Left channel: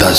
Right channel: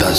10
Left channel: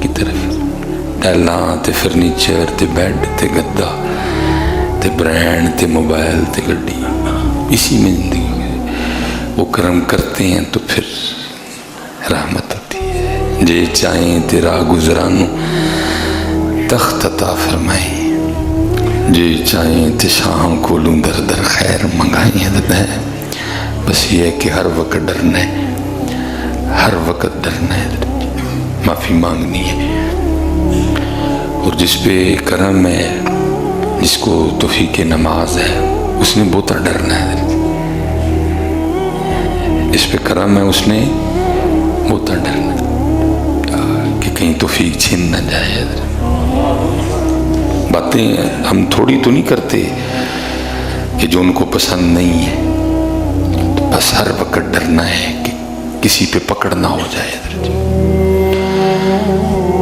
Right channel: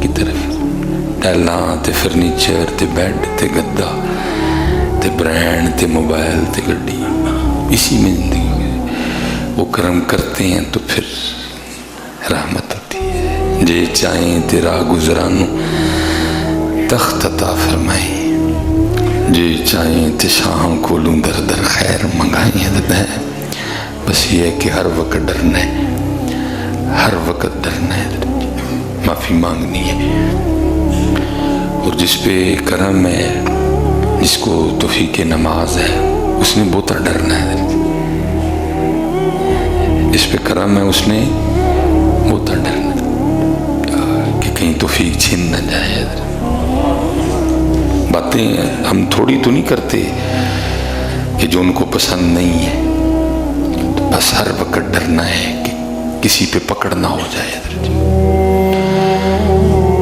کی طرف، ٹائلاں تے فرنیچر تے بیڈ تے گدا تے برینڈ تے موبائل تے گڈی، اسی میں زندگی ہو گئی۔ وہ کرم کرتے ہیں تو پھر رحمت ہوتی ہے۔ جے چاہیں تے راہ گزرانو تخت عطا فرمائیں، جے چاہیں تے شاہوں کولوں در در خیر منگائیں۔ حضرت ہے بس یہ ہے کہ ہر وقت ڈرنا ہے، ہر وقت ڈرنا ہے، معافی مانگنی ہے، اور جس پہ کرم ہے، جس کو توفیق نماز ہے، اس نے بہت ڈرنا ہے۔ اس پہ کرم ہے، اس نے بہت ڈرنا ہے کہ کہیں توفیق چھن نہ جائے۔ باتیں ہم تھوڑی تو نہیں کرتے کہ جو ان کو پسند نہیں ہے، تو بس ہر وقت ڈرنا ہے کہ کسی پہ پکڑ نہ ہو جائے،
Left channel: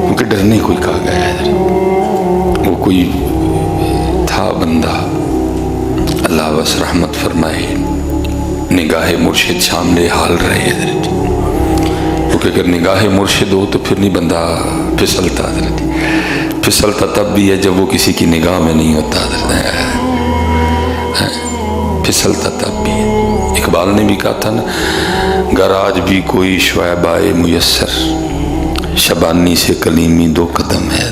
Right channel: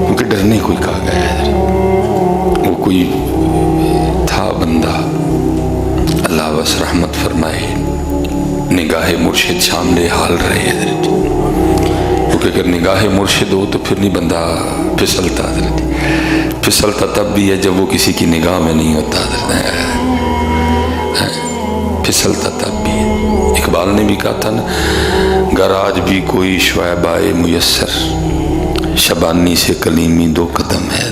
کیونکہ ڈرنے کوئی کہا گیا ہے۔ وہ کوئی تھا بندہ، اللہ بس رحمت فرمائے، نگاہ مرشد شاملے حال رہے، کیونکہ اگر نگاہ مرشد ہو تو پھر نہیں بندہ پھسلتا، پھسلتا تب بھی ہے جب وہ کسی کی نگاہ میں نہیں ہوتا، پھسلتا تب بھی ہے۔ اقبال نے بھی کہا تھا نا، گر آج بھی کوئی شعیب آئے میسر، شبانی سے کلیمی 2 قدم ہے۔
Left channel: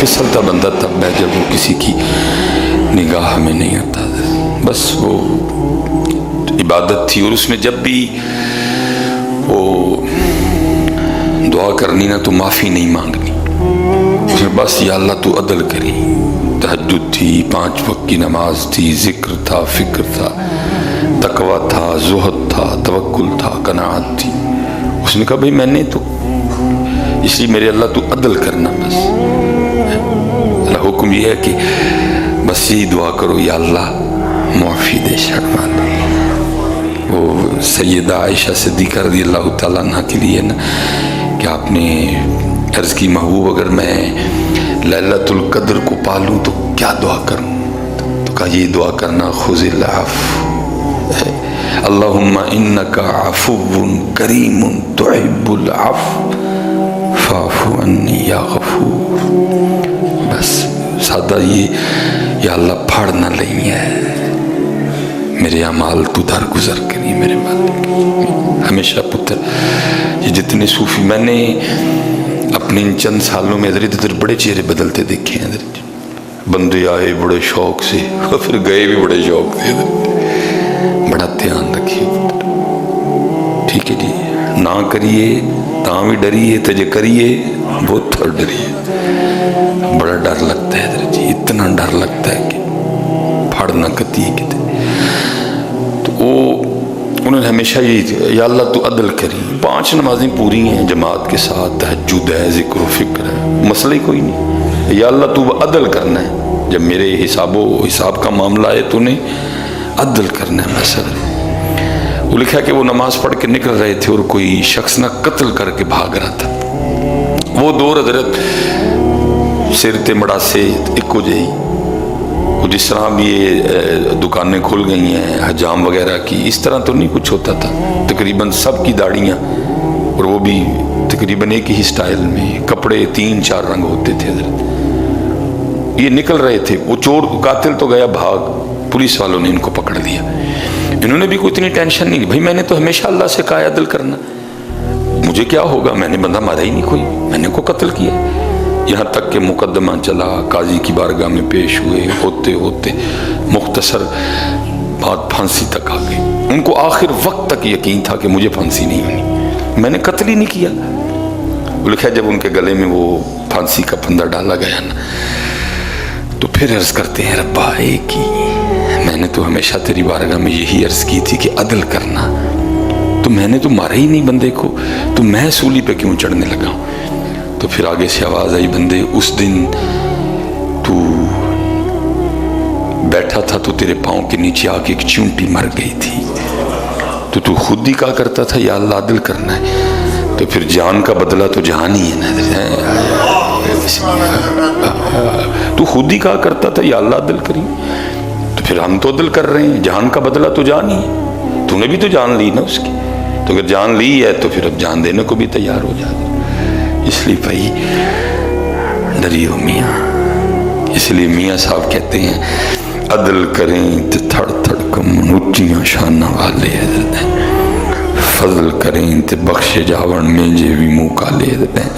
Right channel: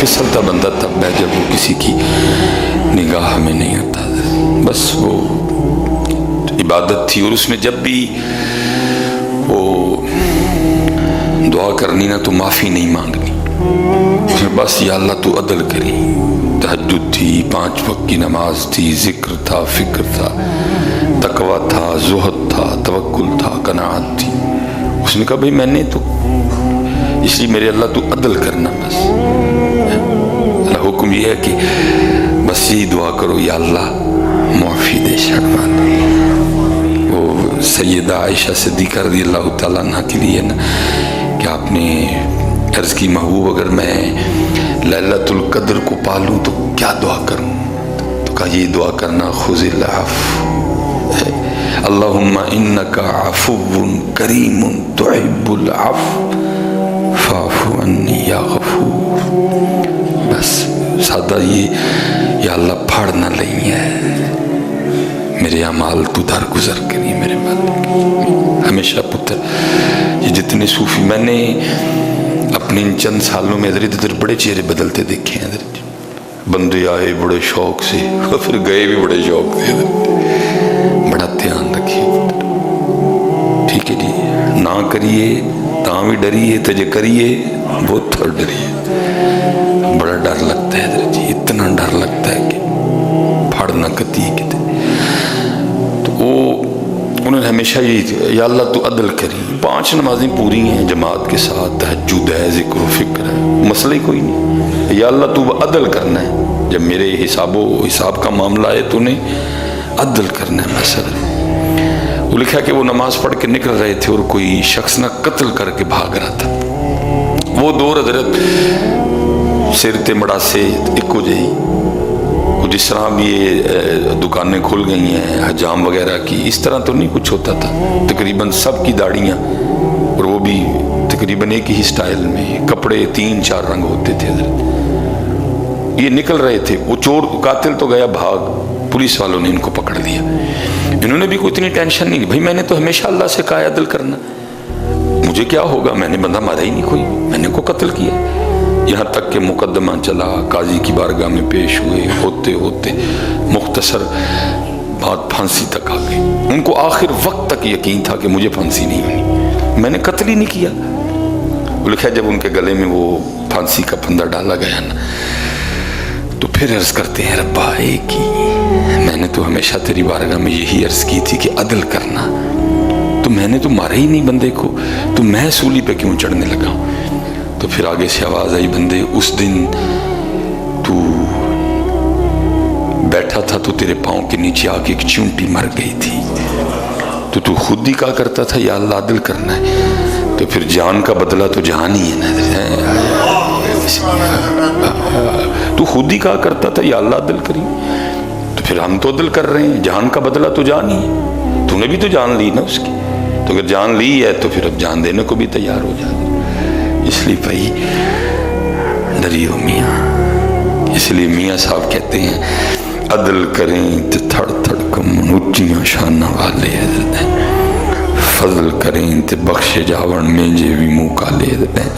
پھسلتا بندہ تب ہے جب وہ کسی کی نگاہ میں نہیں ہوتا۔ بس وہ عبادت تھی، اور اس میں جب بھی وہ دعا کرنی نا تو معافی نہیں مانگنی، اس میں بس یا اللہ تو عدل کری۔ تہجد تھی، 5 وقت کی نماز تھی، ذکر تھا، فکر تھا، تقوی تھا، زہد تھا، توکل تھا، قناعت تھی۔ اس نے کہا بھئی میں نے تو اس لیے میرے اللہ تو عدل کرنا، بس اللہ حکم یہ ہے کہ بس یہی دعا کرو، یا اللہ معافی دے شرما دے۔ وہ سیدہ عائشہ صدیقہ رضی اللہ تعالیٰ عنہ کے لیے نا کہ آپ نے عرض کی محبوب اگر میں لیلۃ القدر کو پالوں تو کیا دعا کروں؟ تو کہا یہ دعا کرنا، خذ العفو، اللہم انک عفو کریم تحب العفو فاعف عنی یا غفور۔ بس سادہ یہ، یا اللہ پھاڑ نہ لئی ہے، میرے اعمال تو در گزر کری میرے مالک۔ ہمیشہ پتر یہ جتنے صوفی میں نے اپنے ان چند سالوں میں ادھر ادھر بڑے چہرے بدلتے دیکھے ہیں، بندے آئے بڑے شوق سے اور پھر گئے بھی بڑے شوق سے۔ بڑا دھیان رکھیے، ٹھیک ہے جی، نہ کریے تاں بھی ڈریے، تجھے کریے بہت تھوڑ ڈریے۔ بڑا ڈر لگتا ہے حضرت جی، اتنا ڈر لگتا ہے کہ پھاڑ نہ کتی کتے۔ تو وہ انہوں نے ہمیشہ یہی، یا اللہ تو عدل کری۔ 5 نمازیں پوری ہیں جماعت کے ساتھ، تہجد ہے، ذکر و فکر ہے، مسئلہ ہی کوئی نہیں، یا اللہ تو عدل کرنا ہے، جب میرے حساب کا معاملہ ہے تو نے عدل کرنا ہے مسئلہ۔ وہ لکھا کہ وہ نماز پڑھ کے نکل رہے تھے اور کوئی شخص نہ قتل کر کے بھاگ رہا تھا۔ وہ دور حضرت سر تے مڑا سے ایک جہی، جس طرح بھی یہ دکانیں کھل گئی ہیں حجام وغیرہ کی، اس طرح تو نہیں کچھ ہوتا تھا۔ تقریباً سب کی داڑیاں، اور وہ بھی تقریباً ایک ہی سٹائل میں، کپڑے 3-4 رنگ ہوتے تھے حضرت۔ یہ نکل رہے تھے، وہ چور قاتل تو گیا بھاگ، پولیس والوں نے ان کو پکڑ لیا۔ انہوں نے بھی کوئی اتنی ٹینشن نہیں، بھائی میں نے تو ہمیشہ اللہ سے کہا عدل کرنا، مجھے کیا ہوگا، میں نے بندہ مارا ہی نہیں کوئی، میں نے کو قتل کیا۔ یہاں تک کہ مقدمہ چلا، قاضی کی بارگاہ میں پیش ہوئے، ہوتے ہوتے مختصر بات پھانسی تک آ گئی۔ ان کو آخر وقت تک یقین تھا کہ مجھے پھانسی نہیں ہونی، میں نے قتل ہی نہیں کیا۔ وہ لکھا جب ان کے گلے میں وہ پھانسی کا پھندا ڈالا گیا نا، تو پھر عرض کرتے ہیں ربا ایک ہی، میں نے تو ہمیشہ تیری بارگاہ میں یہی عرض کی تھی کہ عدل کرنا، تو میں نے تو مارا ہی نہیں بندے کو، تو میں سولی پہ کیوں چڑھنے لگا ہوں؟ تو پھر آگے سے آواز آئی، بندے اس دن تو بیٹھا تھا تو تیرے پاؤں کے نیچے آ کے ایک چونٹی مر گئی تھی، تو خود ہی کہا کرتا تھا یا اللہ عدل کرنا ہے، تو پھر جان کا بدلہ تو جان ہی ہے نا، تو خود ہی کہا کرتا تھا یا اللہ عدل کری، تو پھر ہم تو عدل کر رہے ہیں، جان کا بدلہ تو جان ہی ہے، تو نے بھی تو جان لی نا اس کی، تو اگر جان لی ہے تو پھر اب جان دینے کو بھی تیار ہو جائے۔ اس لیے بھائی ڈریو میاں، اس لیے میاں صاحب کہتے ہیں عدل کریں تے تھڑ تھڑ کمن اچیاں شانہ والے حضرت ہیں، فضل کریں تے بخش جاون میں جے بھی منہ کالے حضرت ہیں۔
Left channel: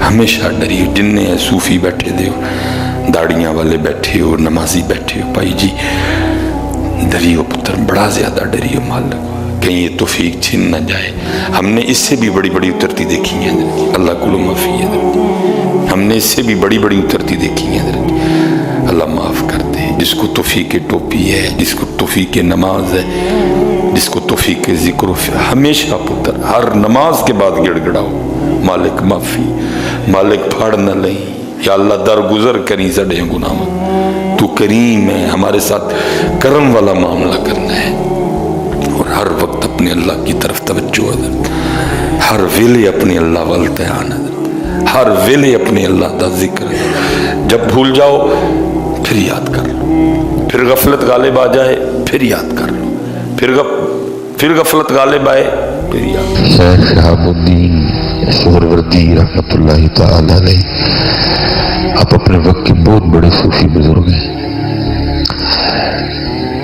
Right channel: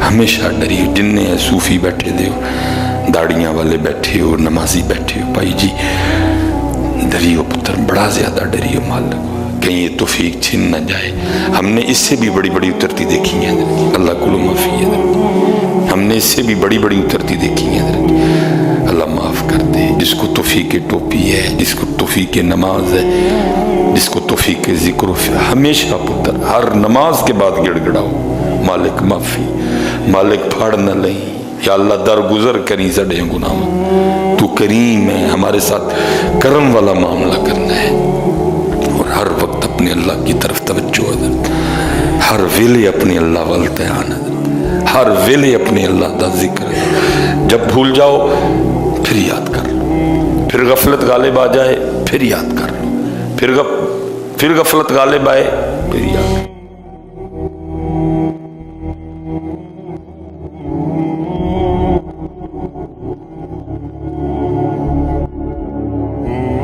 ہمیشہ ڈریو، جننے صوفی بیٹھے دے ہو، داڑیاں والے بیٹھے ہو، نمازی بیٹھے ہو، بھائی جی ڈریو پتر، بڑا زیادہ ڈریو مالک، کہیں یہ توفیق چھن نہ جائے۔ ہم نے اس سے بھی بڑی بڑی اترتی دیکھی ہیں حضرت، اللہ کلو معافی ہے حضرت، ہم نے اس سے بھی بڑی بڑی اترتی دیکھی ہیں حضرت، اللہ معاف کر دے۔ جس کو توفیق ٹوپی ہے، جس کو توفیق نماز ہے، جس کو توفیق ذکر و ہمیشہ پتر ہر نماز کے بعد گڑ گڑاؤ، مالک معافی، مالک پھاڑ نہ لیں، یا اللہ درگزر کریں سڑے گناہ، تو کریم ہے، ہمارے ساتھ کرم والا معاملہ کرنا ہے، اور ہر وقت اپنے اللہ کی طرف توجہ حضرت، ہر ویلے اپنے اللہ والتعان حضرت، ہر ویلے اپنے اللہ دا ذکر ہے۔ جب بھول جاؤ پھر یاد کر لو، پھر غفلت غالب آ جائے پھر یاد کر لو، پھر غفلت غالب آئے پھر یاد کر لو۔ شیخ شہاب الدین سہروردی رحمۃ اللہ تعالی علیہ، آپ اپنے وقت کے بہت بڑے صوفی بزرگ ہیں،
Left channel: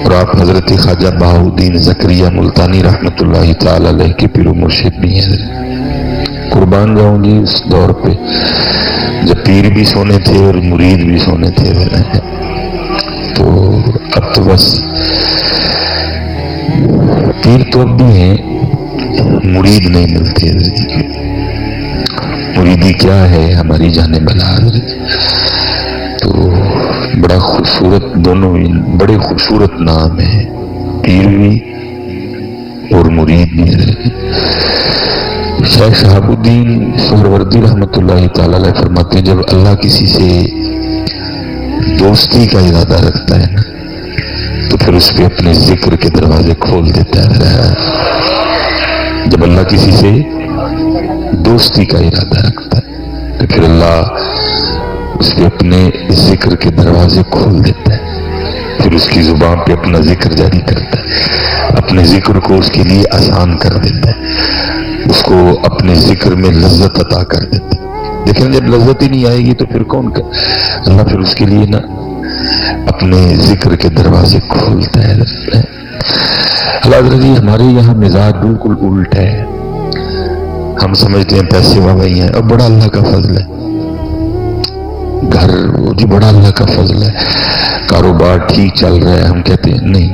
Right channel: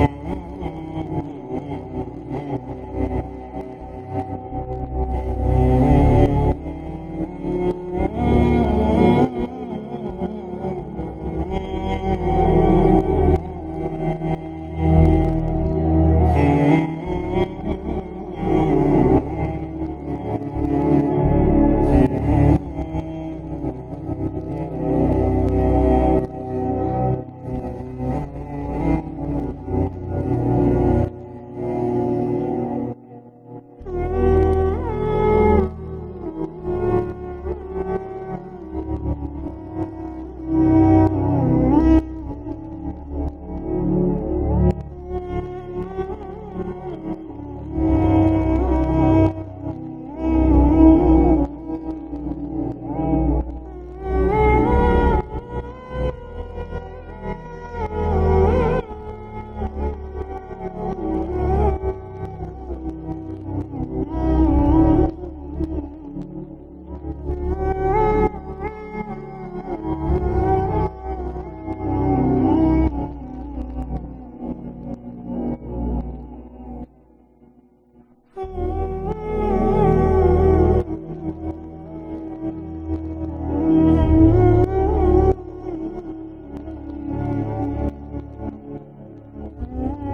اور آپ حضرت خواجہ بہاؤالدین زکریا ملتانی رحمۃ اللہ تعالی علیہ کے پیر و مرشد بھی ہیں۔ قربان جاؤں جی اس دور پہ جب پیر بھی سونے تھے اور مرید بھی سونے تھے، تو اب تو بس پیر تو اب بھی ہیں، مرید نہیں ملتے۔ مریدی کیا ہے ہماری جانے بلا، تو بڑا خوبصورت، دونوں ہی بڑے خوبصورت نام ہیں، پیر بھی اور مرید بھی۔ شیخ شہاب الدین سہروردی رحمۃ اللہ تعالی علیہ فرماتے ہیں جب اللہ کسی سے دوستی کا ارادہ رکھتا ہے نا تو پھر اس پہ اپنے ذکر کے دروازے کھول دیتا ہے۔ جب اللہ کسی سے دوستی کا ارادہ رکھتا ہے تو پھر اللہ اس پہ اپنے ذکر کے دروازے کھول دیتا ہے، پھر اس کی زبان پہ اپنا ذکر جاری کرتا ہے، اپنے ذکر کو اس کے لیے آسان کر دیتا ہے، اس کو اپنے ذکر میں لذت عطا کر دیتا ہے۔ دیکھیں جب لذت ہی نہیں آئے گی تو پھر کون کر، اللہ پھر اس کے لیے نا اپنے ذکر کے دروازے کھولتا ہے۔ اللہ حضرت جی ہمارے یہاں مزاج بالکل الٹ ہے، ہم سمجھتے ہیں پیسے والی ہیں، اور بڑا اللہ کا فضل ہے، گھر جی بڑا اللہ کا فضل ہے، کاروبار ٹھیک چل رہا ہے، ہم کہتے ہیں نہیں،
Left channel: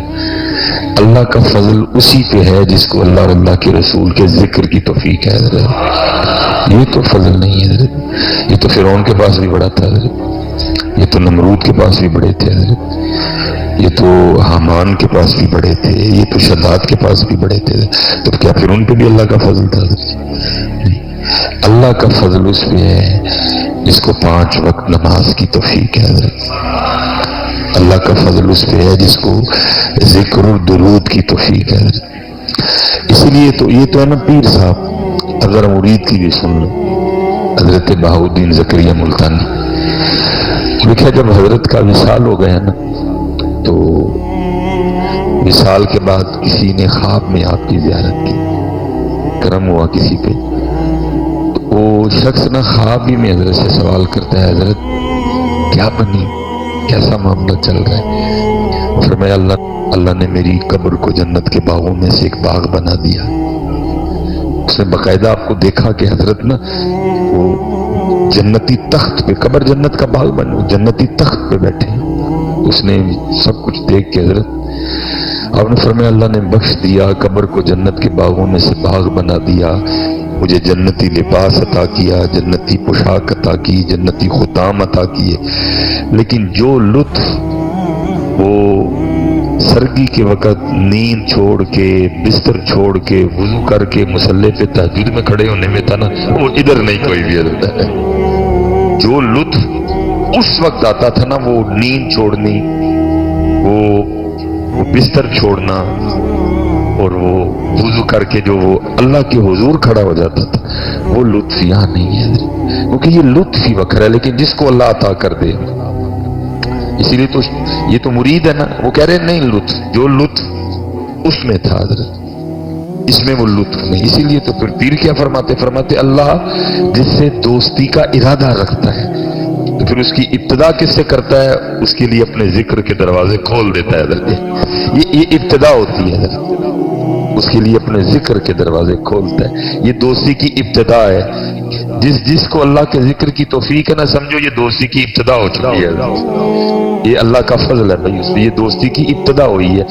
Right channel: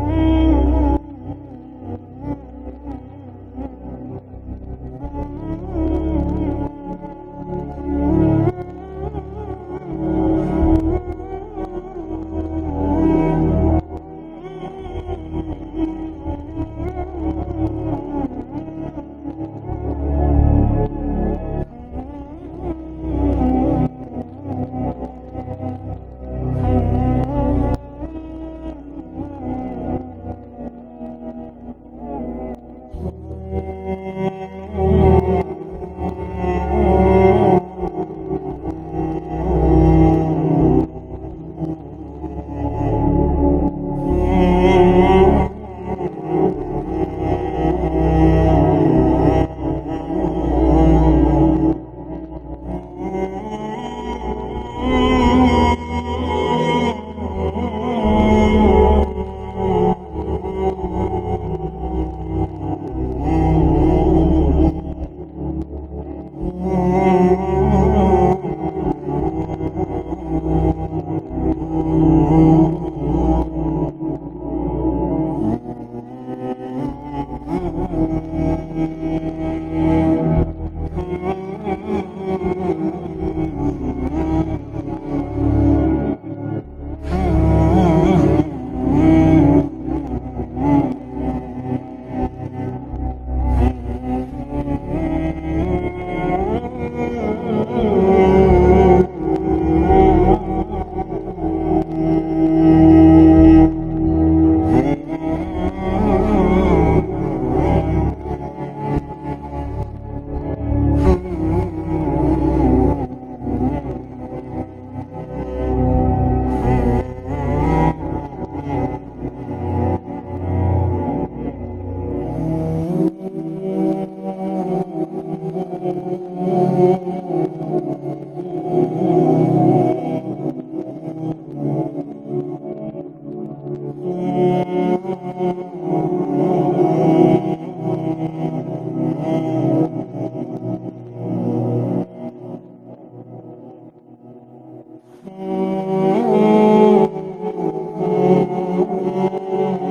اللہ کا فضل اسی پہ ہے جس کو اللہ اور اللہ کے رسول کے ذکر کی توفیق ہے حضرت، یہ تو فضل نہیں ہے حضرت، یہ تو فرعون کے پاس بھی بڑا تھا حضرت، یہ تو نمرود کے پاس بھی بڑے تھے حضرت، یہ تو حامان کے پاس بھی بڑے تھے، یہ تو شداد کے پاس بھی بڑے تھے، تو کیا پھر ان پہ بھی اللہ کا فضل تھا حضرت؟ اللہ کا فضل اس پہ ہے جس کو 5 وقت نماز کی توفیق ہے حضرت، اللہ کا فضل اس پہ ہے جس کو ذکر و درود کی توفیق ہے حضرت۔ اسی لیے تو یہ تو ہے نا پیر صاحب، اگر مرید کی بھی سن لو، حضرت بہاؤالدین زکریا ملتانی لکھا جب حضرت کا وصال ہو گیا نا تو وصال کے بعد کسی نے خواب میں آپ کی زیارت کی، کرم ہوا کسی پہ، تو وہ شخص نا خواب ہی میں حضرت سے سوال کرتا ہے حضرت کیا بنی، کیسا معاملہ چل رہا ہے؟ فرمایا اللہ نے میری قبر کو جنت کے باغوں میں سے ایک باغ بنا دیا۔ اس نے باقاعدہ آپ کو دیکھا کہ حضرت نا جنتی تخت پہ، قبر جنت کا باغ بنا، جنتی تخت پہ بیٹھے، اس نے سب کچھ دیکھ کے حضرت آپ نے فرمایا اللہ نے بخش دیا، قبر کو جنت کے باغوں میں سے باغ بنا دیا، مجھے جنتی لباس عطا کیا، جنتی پوشاک عطا کی، جنتی ختام عطا کیے، لیکن جو لطف وہ سردی کے وقت نیند چھوڑ کے، بستر چھوڑ کے، وضو کر کے مصلی پہ تہجد میں کھڑے ہونے میں تھا نا، وہ ادھر نہیں کوئی بھی ہوتا ہے۔ جو لطف اس وقت آتا تھا نا، وہ نیند چھوڑنی، وہ بستر چھوڑنا، اور وہ وضو کر کے جو وہ اللہ کے حضور کھڑا ہو جاتا تھا، وہ لطف یہاں نہیں ہے، کیونکہ یہ لطف ہی وکر ہے، لیکن جس کو اللہ عطا کر دے، اسی لیے تو یہ تو مرید ہے نا، وہ کہہ رہے ہیں نہیں لطف، جو لطف اس میں تھا حضرت اس میں وہ لطف نہیں. اسی لیے تو پھر پیر کیا فرماتے اللہ جس سے دوستی کا ارادہ رکھتا ہے تو پھر اس کی ابتدا کس سے کرتا ہے؟ اس کے لیے اپنے ذکر کے دروازے کھول دیتا ہے. یہ ابتدا ہوتی ہے. اس کے لیے اپنے ذکر کے دروازے کھولتا ہے. یہ دوستی کی ابتدا ہے. جس کو اللہ کے ذکر کی توفیق ہے نا، سمجھو یہ دوستی کی ابتدا ہو چکی ہے. یہ اللہ کا فضل ہے بھائی، اس سے یہ دوستی کی ابتدا ہوئی ہے.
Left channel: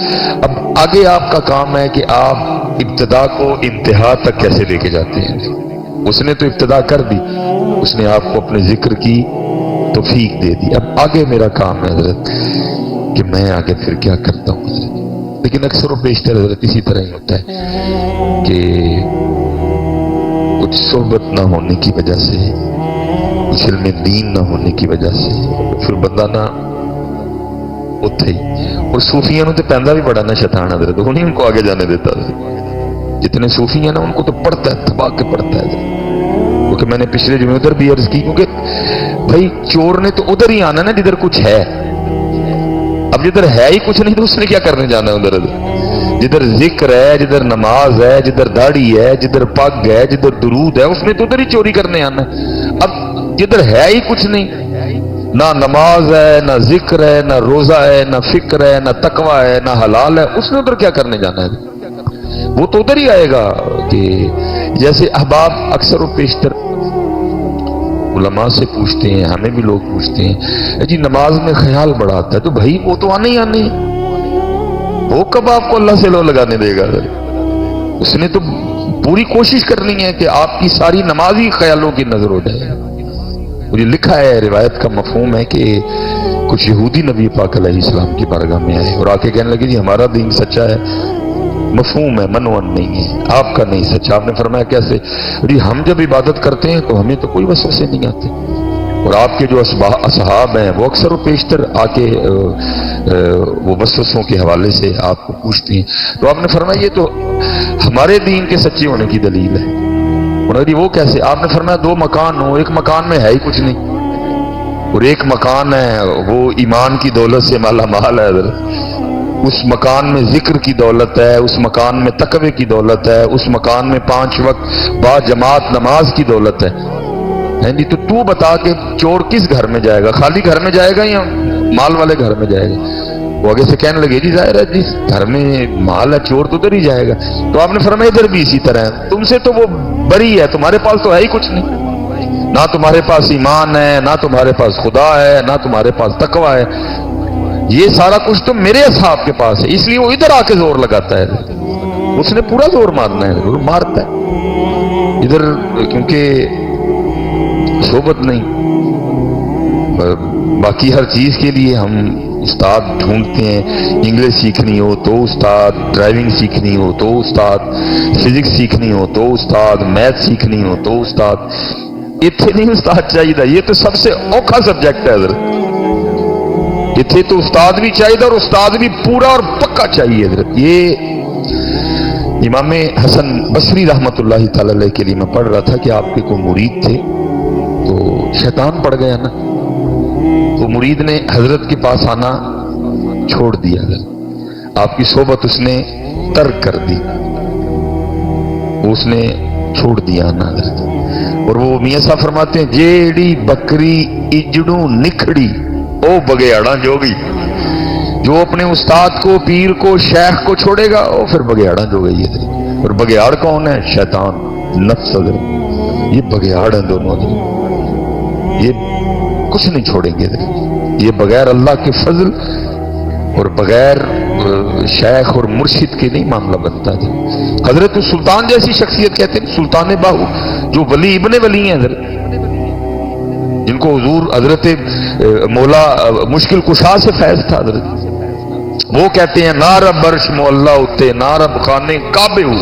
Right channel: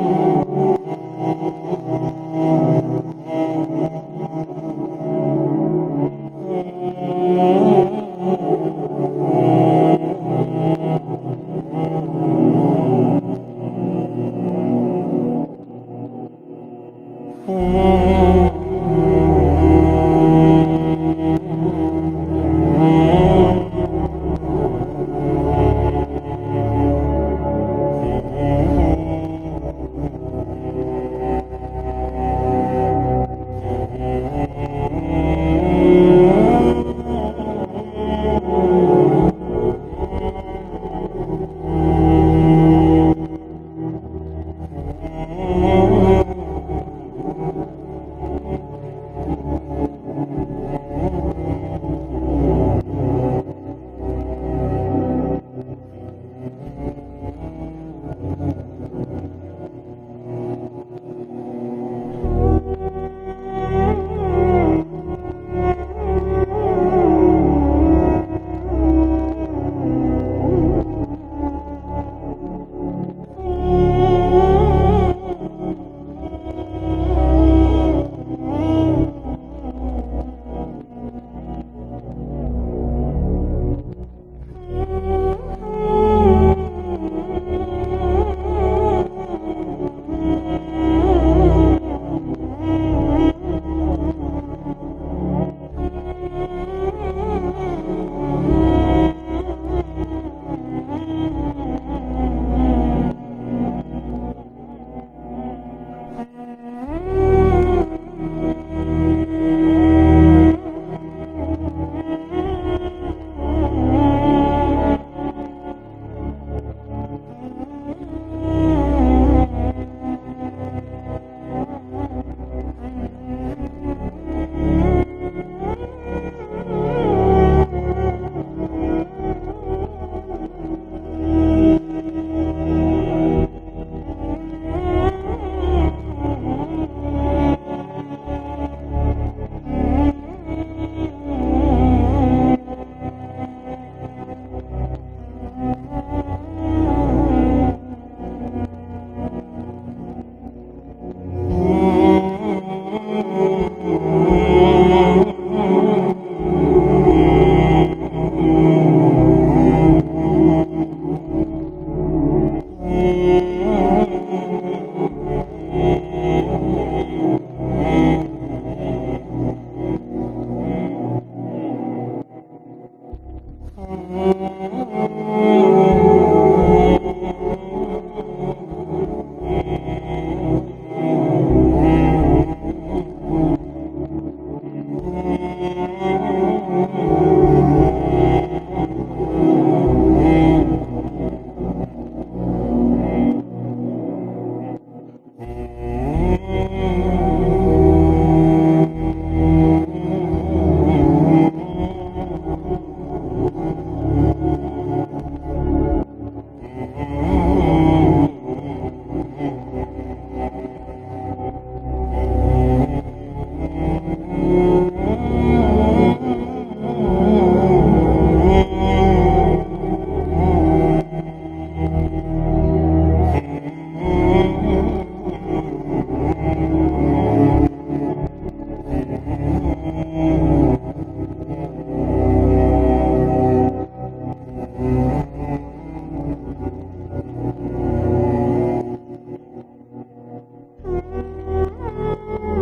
اب آگے آپ کا کام ہے کہ آپ ابتدا کو انتہا تک کیسے لے کے جاتے ہیں. اس نے تو ابتدا کر دی، اس نے آپ کو اپنے ذکر کی توفیق دے دی. اب آگے میرا کام ہے حضرت کہ میں آگے پھر کیا کرتا ہوں حضرت. لیکن اکثر و بیشتر حضرت اسی طرح ہی ہوتا ہے کہ کچھ صحبت نہ ہونے کی وجہ سے، کچھ علم دین نہ ہونے کی وجہ سے پھر بندہ نہ اتھے ہی. اور صوفیوں تو پہندا بھی بڑا نا شیطان حضرت، وہ نہیں ان کو آگے جانے دیتا. جتنے صوفی ہیں نا ان کو تو پڑھتا ہے، تباہ کے پڑھتا ہے. کیونکہ میں نے پچھلے جمعے ادھر بھی عرض کی، کیونکہ بھائی چور نے تو ادھر ہی آنا نا جدھر کچھ ہے. اب جدھر ہے ہی کچھ نہیں تو اس نے کیا کرنے جانا ہے ادھر. جدھر ذکر ہے، جدھر نماز ہے، جدھر داڑھی ہے، جدھر پگ ہے، جدھر درود ہے، اس نے تو ادھر ہی چوری کرنے آنا ہے. اب جدھر ہے ہی کچھ نہیں، نہ نماز ہے، نہ ذکر ہے، نہ روزہ ہے، نہ فکر ہے، نہ تقوی ہے، نہ حلال ہے، اس نے ادھر کیا کرنے جانا ہے. وہ تو ادھر ہی آئے گا. کہ جیسے احباب اکثر و بیشتر علماء سے پوچھتے ہیں، ہمیں بھی لوگ پوچھتے ہیں جی نماز میں خیال بڑا آتا ہے. تو بھائی وہ تو آنے ہی آنے، وہ کب آپ کو اللہ سے لو لگانے دے گا. اس نے تو پوری کوشش کرنی ہے کہ آپ کی ساری نماز ہی خیالوں کی نظر ہو جائے. مجھے لکھا ہے، روایت کا مفہوم ہے کہ کچھ یہودی نبی پاک علیہ السلام کی بارگاہ میں آئے اور آ کے کہنے لگے جی ہمارا دین سچا ہے، مفہوم ہے، منون نہیں ہے، آپ کا نہیں سچا. آپ نے فرمایا کیسے؟ جی ہم جب عبادت کرتے ہیں تو ہمیں تو کوئی وسوسے نہیں آتے، اور آپ کے جو اصحاب ہیں وہ اکثر و بیشتر آ کے وہ وسوسوں کے حوالے سے آپ کو پوچھتے ہیں. تو آپ نے فرمایا یہ تو ہمارے دین کے سچے ہونے کی دلیل ہے. اور وہ کیسے؟ آپ نے فرمایا دو مکان ہو، ایک مکان میں ہے ہی کچھ نہیں اور ایک مکان ہے وہ ایمان کی دولت سے مالا مال ہے. اس مکان میں ذکر کی دولت ہے، اس مکان میں تقوی کی دولت ہے، اس مکان میں 5 وقت با جماعت نماز کی دولت ہے. جی تو بتا کہ چور کس گھر میں جائے گا؟ خالی گھر میں جائے گا یا مال والے گھر میں جائے گا؟ وہ آگے سے کہنے لگے جی ظاہر ہے جس گھر میں مال ہے چور تو ادھر ہی جائے گا. تو آپ نے فرمایا ادھر بھی اسی طرح ہے، تم سے تو وہ بری ہے، تمہارے پاس تو ہے ہی کچھ نہیں. نہ تمہارے پاس ایمان ہے، نہ تمہارے پاس خدا ہے، نہ تمہارے پاس تقوی ہے. یہ سارا کچھ تو میرے اصحاب کے پاس ہے، اس لیے وہ ادھر آ کے زور لگاتا ہے. اس نے پورا زور مارنا ہے، زور مارتا ہے ادھر، کیونکہ صحبت نہیں. باقی ہر چیز کے لیے ہم استاد ڈھونڈتے ہیں. انگلش سیکھنی ہو تو استاد، ڈرائیونگ سیکھنی ہو تو استاد، فزکس سیکھنی ہو تو استاد، میتھ سیکھنی ہو تو استاد. اتنے نہیں استاد چاہیے، یہ تو سب سے اوکھا سبجیکٹ ہے حضرت. اتنے تو استاد بھی چاہیے اور استاد بھی پورا اور پکا چاہیے حضرت. یہ امام حسن بصری رحمت اللہ تعالی علیہ کے لیے میں پڑھ رہا تھا کہ آپ کے کوئی مرید تھے تو شیطان پڑ گیا نا، تو مرید نے حضرت کے پاس آنا چھوڑ دیا. آپ کی صحبت اس نے ترک کر دی، اس نے چھوڑ دیا نا حضرت. اور وہ میاں صاحب فرماتے ہیں جیڑی بکری اجڑوں نکھڑی او بگیاڑا جوگی. جو اپنے استاد کو، پیر کو، شیخ کو چھوڑے گا وہ پھر بگیاڑا جو گئی ہے. اور بگیاڑ کون ہے؟ شیطان، نفس. یہ بگیاڑ ہیں دونوں، یہ کچھ نہیں چھوڑیں گے. یہ بغیر اللہ کے فضل اور بغیر شیخ اور مرشد کے نہیں معاملہ بنتا. حضرت سلطان جیسی شخصیت کہتے ہیں، سلطان باہو جو ولی ابن ولی ہیں حضرت، جن کو حضور حضرت مولا مشکل کشا سے فیض تھا حضرت. وہ کہتے ہیں نارب برش مولا اتے نارب خانے کعبے ہو،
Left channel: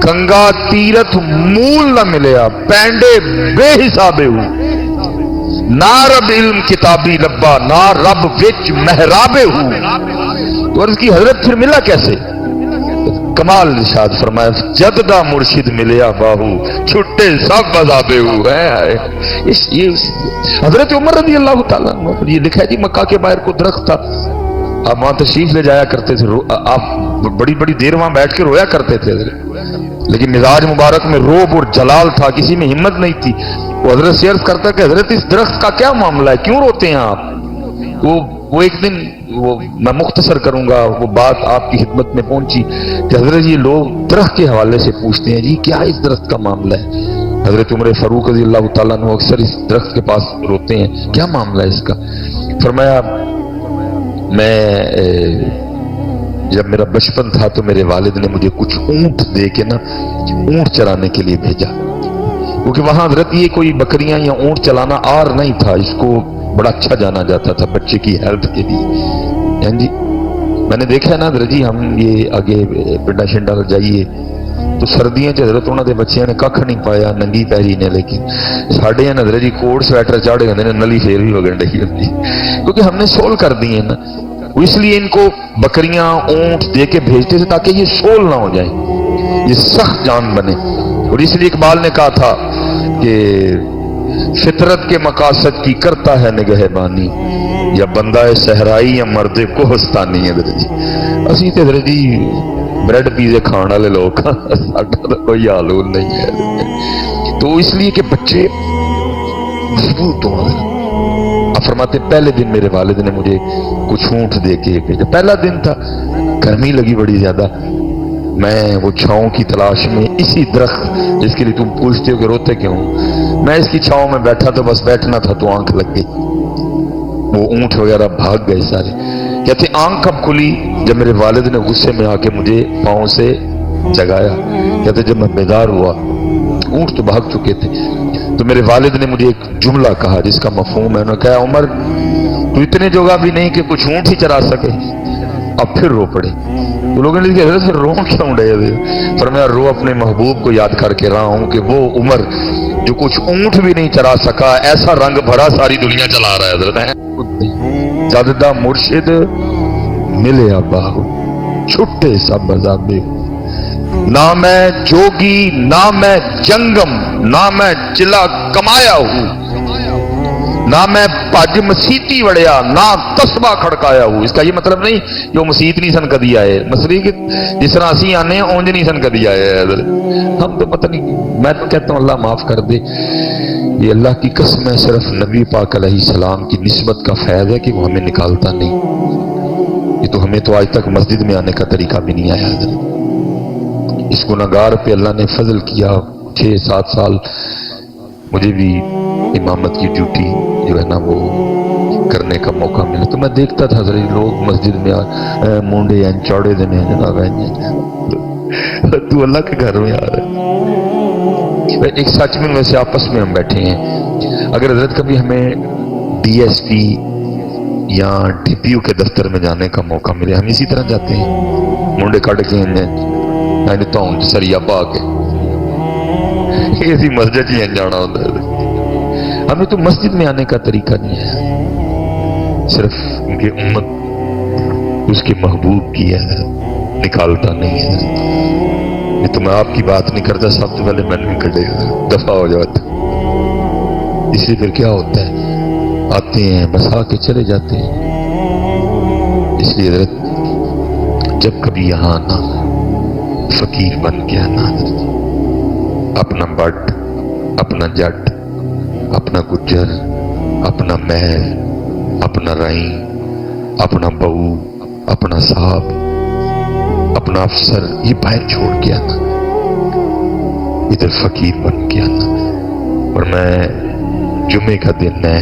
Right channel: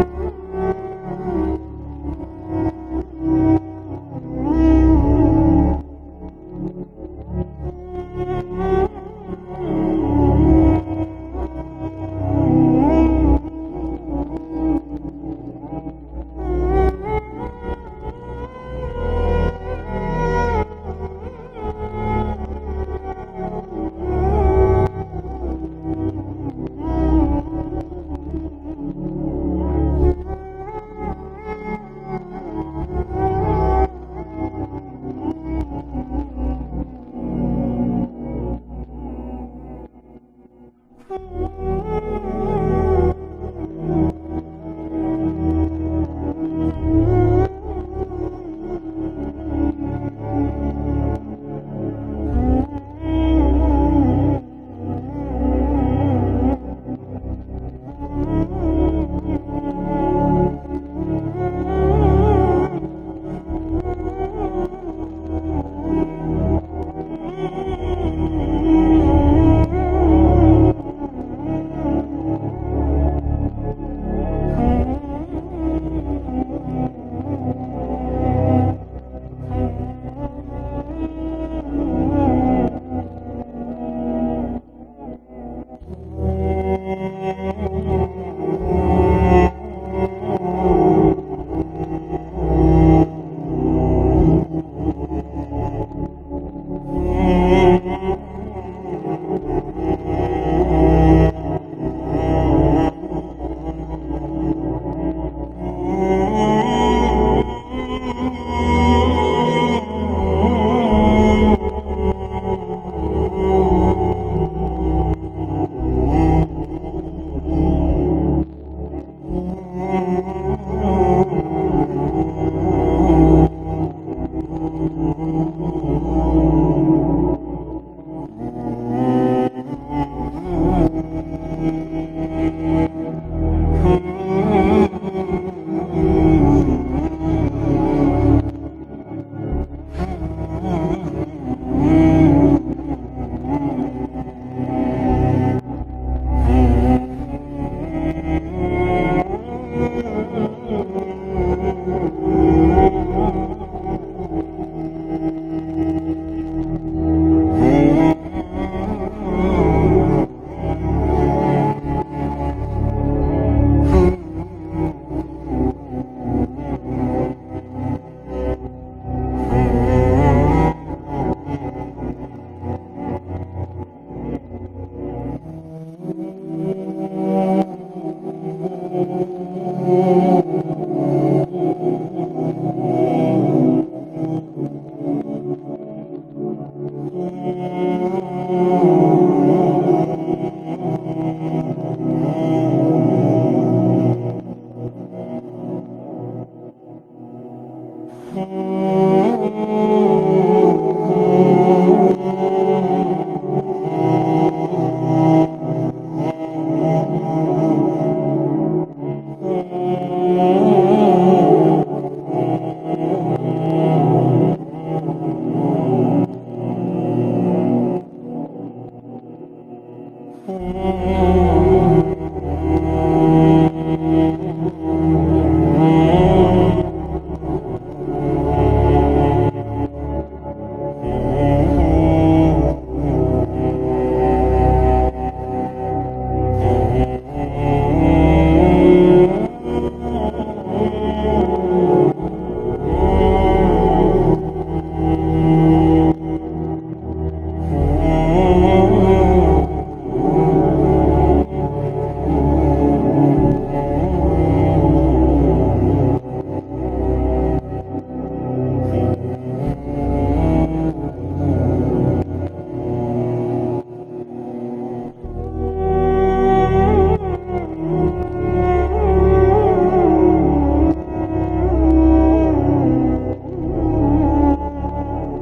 کنگا تیرت مول نہ ملیا پینڈے بے حسابے ہو. نارب علم کتابی لبا نا رب وچ محرابے ہو. تو عرض کی حضرت پھر ملا کیسے؟ کمال ارشاد فرمایا جددہ مرشد ملیا باہو چھٹے سب عذابے ہو. حضرت عمر رضی اللہ تعالیٰ، یہ لکھا ہے جی مکہ کے باہر کو درخت تھا، آپ وہاں تشریف لے جایا کرتے تھے، آپ بڑی بڑی دیر وہاں بیٹھ کے رویا کرتے تھے، لیکن مزاج مبارک میں روب اور جلال تھا، کسی میں ہمت نہیں تھی۔ وہ حضرت سے عرض کرتا کہ حضرت اس درخت کا کیا معاملہ ہے، کیوں روتے ہیں آپ؟ وہ ایک دن میں مختصر کروں گا، وہ بات آپ کی خدمت میں پہنچی کہ حضرت یہ لوگ درخت کے حوالے سے پوچھتے ہیں جی کیا اس درخت کا معاملہ ہے؟ حضرت عمر فاروق رضی اللہ تعالیٰ عنہ اکثر اس درخت کے پاس روتے ہیں، کیا معاملہ ہے اس کا؟ فرمایا میں جب میرا بچپن تھا تو میرے والد نے مجھے کچھ اونٹ دے کے نا اونٹ چرانے کے لیے بھیجا، کیونکہ وہاں حضرت یہ کوئی بکریاں یا اونٹ چلانا آر نہیں تھا، اس کو بڑا اچھا جانا جاتا تھا بچے کی ہیلتھ کے لیے۔ جی میں نے دیکھا ہے نا حضرت جی، ہم یہ آگے پنڈا شنڈا جائیے تو سردیاں چ حضرت انہوں نے بچیاں نے کھ نہیں پایا، ننگی پیری نے، لیکن ساڈے ہیں حضرت جی کوٹ سویٹر چاڑے ہوتے ہیں، نلی پھر بھی وگن رہی ہوتی، کیونکہ ہم نے سول کر دی ہیں نا، اس لیے ان کو بکریاں اونٹ دے کے بھیجتے تھے تاکہ یہ سول نہ ہو جائیں، یہ سخت جان بنے۔ اور اس لیے اقبال نے کہا تھا کہ فطرت کے مقاصد کی کرتا ہے نگہبانی، یا بندہ صحرائی یا مرد کوہستانی ہے۔ اسی تے حضرت جی بریڈ پیزے کھان والے لوگ، ساڈا تو کوئی حال نہیں ہے۔ تو اس لیے کہ بچے مضبوط ہوں۔ آپ فرماتے پہلے دن میرے والد نے مجھے کچھ اونٹ دے کے بھیجا، پہلا دن تھا، گرمی لگی بڑی زیادہ، میں وہ چھاؤں کی تلاش میں اسی درخت جس کے لیے تم پوچھتے ہو کہ روتے کیوں، میں اس کی چھاؤں میں بیٹھا تو بس بیٹھنا تھا تو آنکھ لگ گئی، وہ اونٹ وغیرہ بھاگ گئے سارے۔ کہتے آنکھ کب کھلی؟ جب میرے والد نے غصے میں آ کے مجھے پاؤں سے جگایا۔ کہتے جب میں بیدار ہوا اونٹ تو بھاگ چکے تھے، تو میرے والد نے مجھے ایک جملہ کہا جس کا مفہوم ہے، انہوں نے کہا عمر تو اتنے جگہ بھی نہیں کہ کچھ اونٹ ہی چرا سکے، اب پھر رو پڑے۔ تو لوگوں نے کہا حضرت پھر رو کیوں رہے؟ فرمایا رو اپنے محبوب کو یاد کر کے رہا ہوں کہ وہ عمر جو کچھ اونٹ بھی نہیں چرا سکا، ایسا رنگ بھرا ساری دنیا چلا رہا ہے حضرت۔ جددہ مرشد ملے ابا چھٹے سب عذابے، نہ میں جوگی نہ میں جنگم نہ میں چلا کمایا ہوں، نہ میں پاج مسیتی وڑیا نہ تسبہ کھڑکایا ہوں۔ اس کا یہ مطلب نہیں کہ وہ مسیت نہیں سن کدی آئے، مسئلہ کہ جس طرح اسی آنے ہیں اونج نہیں سن کدی آئے حضرت۔ ہم تو پتہ نہیں، میں تو کہتا ہوں اللہ معاف کر دے، یہ اللہ کی قسم ہے، صرف نبی پاک علیہ السلام کی نسبت کا فیض ہے کہ وہ ہمیں نکالتا نہیں، یہ تو ہمیں تو آج تک مسجد میں آنے کا طریقہ بھی نہیں آیا حضرت۔ اس گناہگار پہ اللہ نے فضل کیا، 6-7 سال مجھے بھی امامت کی ڈیوٹی جو ہے نا وہ کرنے کا موقع ملا، تو میں دیکھتا تھا حضرت لوگ مسجد میں مونڈے ہیں چوڑے دن ہیں جناب ہیں، تو اللہ کے گھر میں آ رہا ہے۔ ایک سچ میں ویسے آپس میں ہم بیٹھے ہیں، اگر حضرت کبھی ہمیں ڈی ایس پی یا ڈی پی او کے دفتر میں جانے کا موقع ملے، ہم اسی طرح جاتے ہیں، مونڈے کٹ کے سریا پا کے اسی مسجد ہی جانا ہوتا ہے۔ ہمیں تو مسجد میں آنے کا طریقہ نہیں ہے، صرف ان کی امت اس کے محبوب کی ہے، نکالتا نہیں ہے۔ یہ تو میں آپ کی بات نہیں کرتا، سب سے پہلے میں نے کٹے دفاع ہو جاتا، اس لیے پھر کیا ہوتا ہے آتے ہیں بس آ کے چلے جاتے ہیں۔ اس لیے حضرت جب کبھی یہاں آنا فقیر بن کے آنا، اپنا بٹ اپنا جٹ اپنا گجر اپنا محل اپنا رائن اپنا بہو اپنا صاحب اپنا افسر یہ باہر چھوڑ کے آنا، ادھر فقیر بن کے آنا۔ اور میں جمعے کا دن ہے،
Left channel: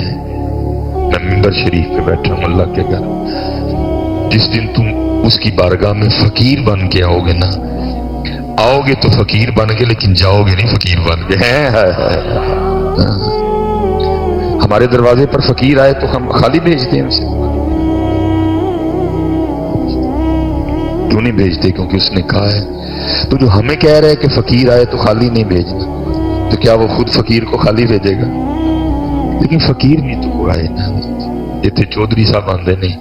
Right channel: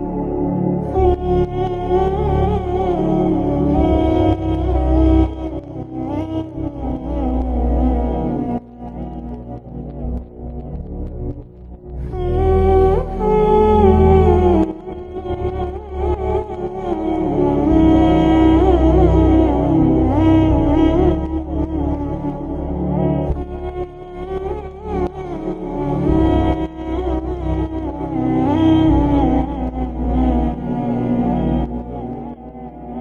میں ممبر شریف پہ بیٹھا ہوں اللہ کے گھر، جس دن تم اس کی بارگاہ میں فقیر بن کے آؤ گے نا، آؤ گے تو فقیر بن کے لیکن جاؤ گے نہیں فقیر بن کے۔ ہمارے دروازے پر فقیر آئے تو ہم خالی بھیجتے ہیں اسے، کیوں نہیں بھیجتے؟ کیونکہ اس نے کہا ہے۔ تو جو ہمیں کہہ رہے ہے کہ فقیر آئے تو خالی نہیں بھیجنا، تو کیا وہ خود فقیر کو خالی بھیجے گا؟ لیکن فقیر بھی تو آئے نا، اتنے چودھری صاحب آندے نہیں،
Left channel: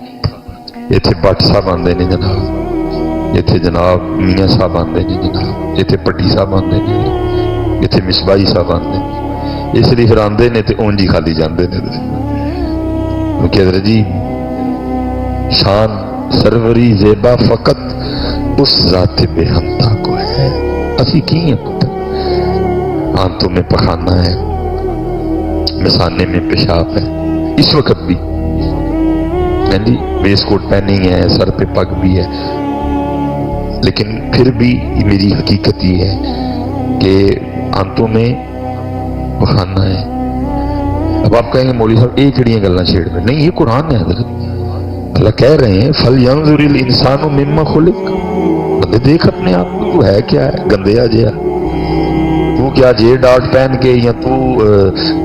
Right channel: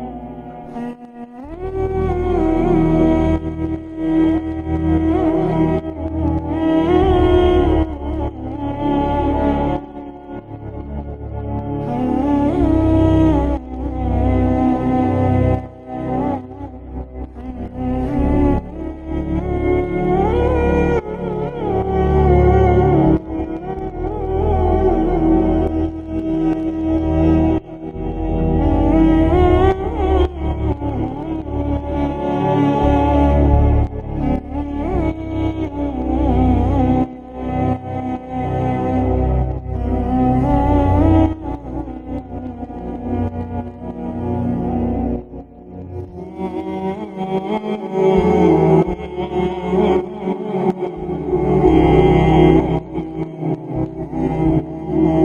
اتنے بٹ صاحب آندے نہیں جناب، اتنے جناب میاں صاحب آندے نہیں جناب، اتنے پٹی صاحب آندے نہیں، اتنے مصباحی صاحب آندے نہیں، اس لیے پھر آندے نے تو اونج ہی خالی جاندے نے۔ کہ حضرت جی شان سروری زیبا فقط اس ذات بے ہمتا کو ہے. اسی کی ہیں آنتوں میں پخانا ہے، مثانے میں پیشاب ہے، اس وقت بھی جی ویس کوٹ پہنی ہے، سر پہ پگ بھی ہے، لیکن پھر بھی میری حقیقت یہ ہے کہ آنتوں میں پخانا ہے. اب آپ کہیں گے مولوی صاحب ایک کڑیاں گلنا چھیڑ میں، نہیں یہ قرآن ہے حضرت. اللہ کہہ رہے ہیں فَلْيَنْظُرِ الْإِنسَانُ مِمَّا خُلِقَ. بندے دیکھ اپنے آپ کو، تو ہے کیا ہے گندیا جیا. تو کیا جے ڈاٹ پہن کے یا تو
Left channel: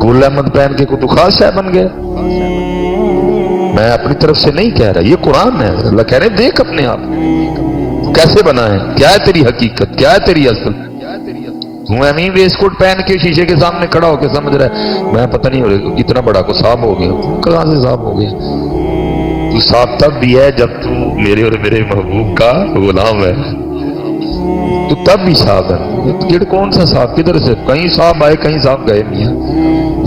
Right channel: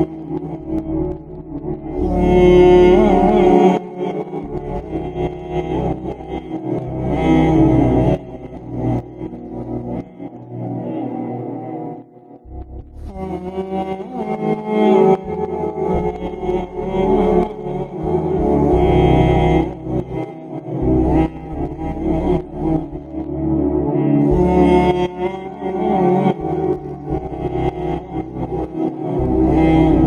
گل احمد پہن کے کو تو خاص ہے بن گیا. میں اپنی طرف سے نہیں کہہ رہا، یہ قرآن ہے. اللہ کہہ رہے ہیں دیکھ اپنے آپ کیسے بنا ہے، کیا ہے تیری حقیقت، کیا ہے تیری اصل. تو ایمیں ویس کوٹ پہن کے شیشے کے سامنے کھڑا ہو کے سمجھ رہا ہے میں پتہ نہیں ہو رہا اتنا بڑا کو صاف ہو گیا. کہاں سے صاف ہو گیا؟ تو صاف تب بھی ہے جب تو میرے اور میرے محبوب کا غلام ہے، تو تب بھی صاف ہے. کون سا صاف، کدھر سے کہیں صاف آئے کہیں صاف گئے نہیں ہیں.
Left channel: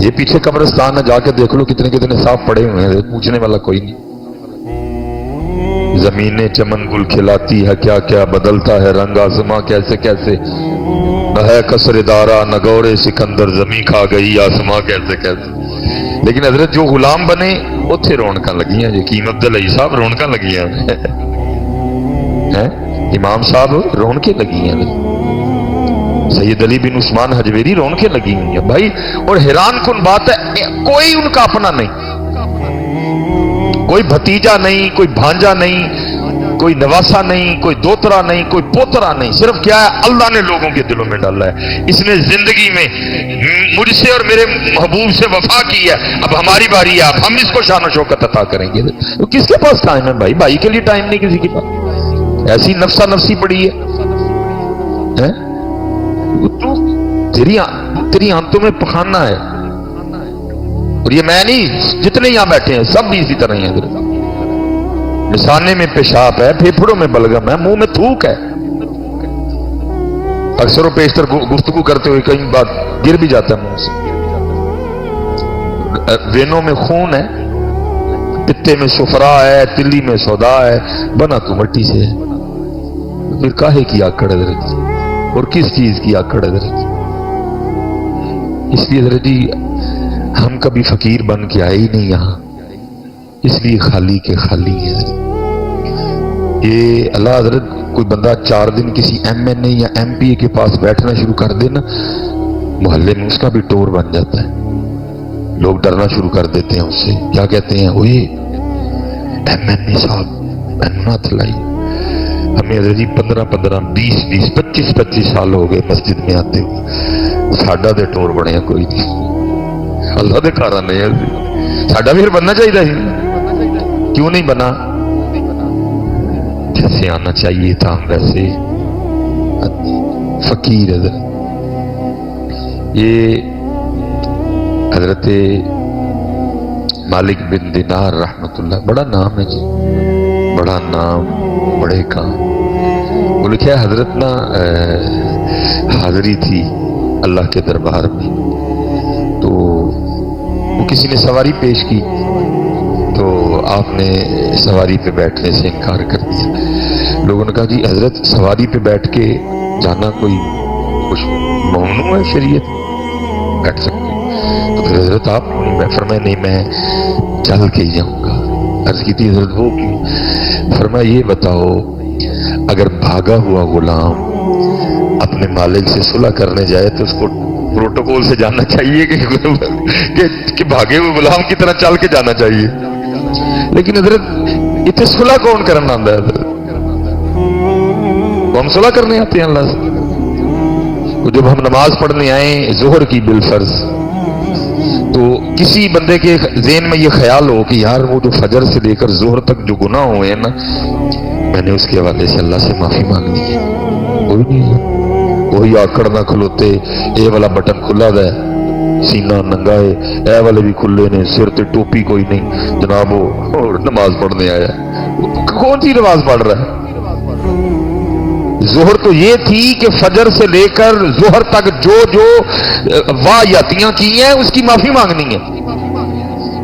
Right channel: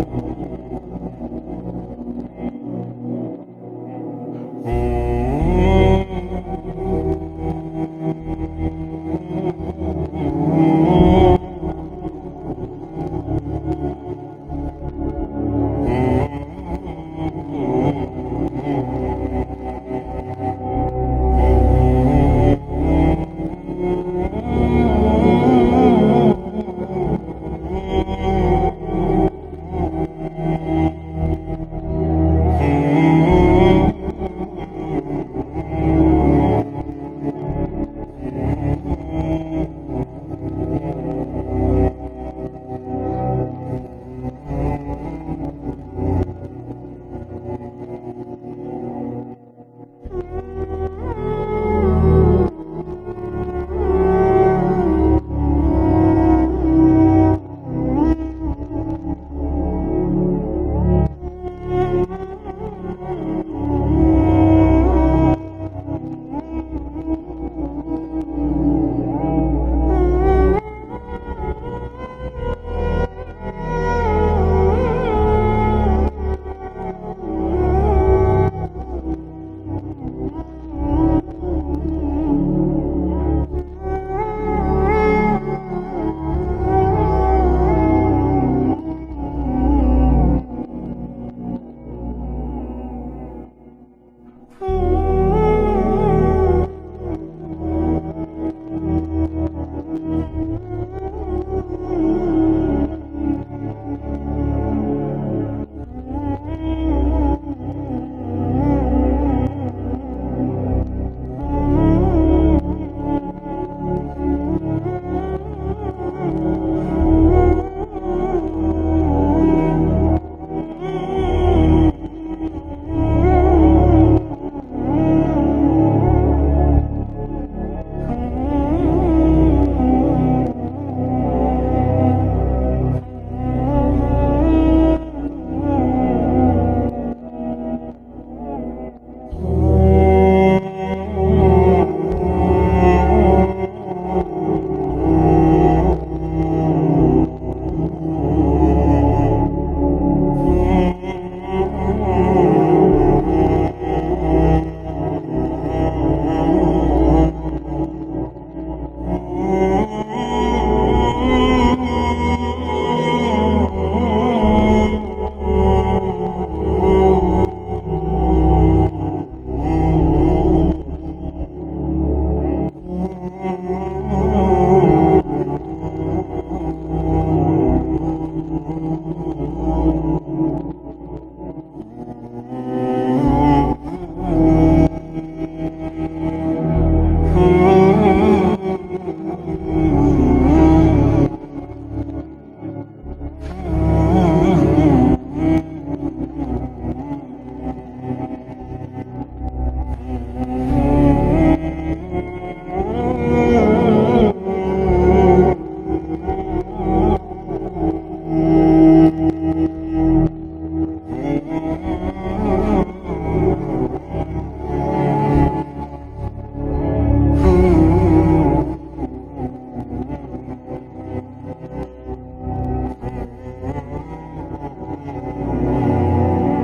یہ پیچھے قبرستان ہے، جا کے دیکھ لو کتنے کتنے صاف پڑے ہوئے ہیں، پوچھنے والا کوئی نہیں. زمینیں چمن گل کھلاتی ہے، کیا کیا بدلتا ہے رنگ آسماں کیسے کیسے. ہے قصر دارا نگورے سکندر، زمین کھا گئی آسماں کیسے کیسے. لیکن حضرت جو غلام بنے اتھے رونقاں لگیاں جی. قیمت علی صاحب رونقاں لگیاں امام صاحب رونقیں لگی ہیں، سید علی بن عثمان حجویری رونقیں لگی ہوئی ہیں بھائی. اور حیران کن بات ہے کوئی ان کا اپنا نہیں، کوئی بھتیجا نہیں، کوئی بھانجا نہیں، کوئی نواسا نہیں، کوئی دوترا نہیں، کوئی پوترا نہیں. صرف کیا ہے اللہ نے لوگوں کے دلوں میں ڈالا ہے. اس نے زندگی میں مجھ سے اور میرے محبوب سے وفا کی ہے. اب ہماری باری ہے، اب ہم اس کو شان و شوکت عطا کریں گے. تو کس کے پاس ٹائم ہے بھائی؟ بھائی کے لیے ٹائم نہیں کسی کے پاس. ایسی نفسا نفسی پڑی ہے. تیری آنتوں میں پخانا ہے. اور یہ میں نہیں، جتنے یہاں بیٹھے ہیں سب بھی اسی طرح ہی ہیں. مثانے میں پیشاب ہے، پھیپھڑوں میں بلغم ہے، منہ میں تھوک ہے. اکثر و بیشتر گفتگو کرتے ہوئے کئی بار گر بھی جاتا ہے منہ سے. وینوں میں خون ہے، پتے میں سفرا ہے، تلی میں سودا ہے، بنا تو مٹی سے ہے. پھر کاہے کی آکڑ حضرت، اور کس چیز کی آکڑ حضرت. اس لیے حضرت جی ہم کبھی فقیر بن کے آئے ہی نہیں یہاں، اس لیے خالی کے خالی ہے. یہ اللہ حضرت کوئی بندہ 4 دن کسی ایم این اے یا ایم پی اے کے پاس بیٹھنا شروع کر دے نا، محلے میں اس کا بھی ٹور بن جاتا ہے. لوگ ڈرنا شروع کر دیتے ہیں اس سے. کیا کہتے ہیں وہ ایم این اے صاحب نہ لائی. ہمیں حضرت جی 15 20 25 سال ہو گئے مسجد میں آتے ہوئے، ساڈا دے ٹور بنیا کوئی نہیں. اللہ دے کارا نہیں ہے، ساڈا بھی بننا چاہیے. کیوں نہیں بنا؟ جیسے آنا چاہیے تھا ہم ویسے فقیر. حضرت یہ حضرت مالک بن دینار رحمت اللہ، بڑا نام ہے جی، بڑا نام بڑے کام. وہ لکھا ہے حضرت نا حاضری تھی اللہ کے دربار میں، تو کسی نے سواری پیش کی تو آپ نے سواری پہ بیٹھنے سے انکار کر دیا. لوگوں نے کہا جی حضرت سواری پہ بیٹھ کے جانا کوئی کچھ ممنوع ہے شریعت، بیٹھ سکتے. تو پھر حضرت آپ میں فرمایا نہیں میں چل کے ہی جاؤں گا. عرض کی تھی حضرت وہ فرمایا یہ بتاؤ اگر بھاگا ہوا غلام اپنے مالک سے صلح کرنے جائے تو اس کو پروٹوکول سے جانا چاہیے کہ بھاگے ہوئے غلام کی طرح چل کے جانا چاہیے. لیکن حضرت اتنے صلح کون کرنا آتا ہے؟ حضرت ہم صلح کرنے آتے ہیں اللہ سے. جب ہم نماز پڑھنے آئیں ظہر کی بالفرض، تو کسی بندے کے ذہن میں یہ خیال ہو کہ یار وہ جو فجر سے لے کر ظہر تک جو گناہ ہوئے ہیں نا، میں نے اس کے حوالے سے اللہ سے معافی مانگنی ہے. کوئی نہیں، وہی آکڑ نہ کھلوتے، اے والا بٹن کھلا ہے، سینہ ننگا ہے، اے والے بھی کھلے نے، سر تے ٹوپی کوئی نہیں، جناب وہ نماز پڑھنے آیا. کون سی نماز پڑھ رہا ہے؟ ظہر تو یہ تھی کہ فجر سے لے کر ظہر تک جو واہیاتیاں کی ہیں اس کی معافی مانگنی ہے.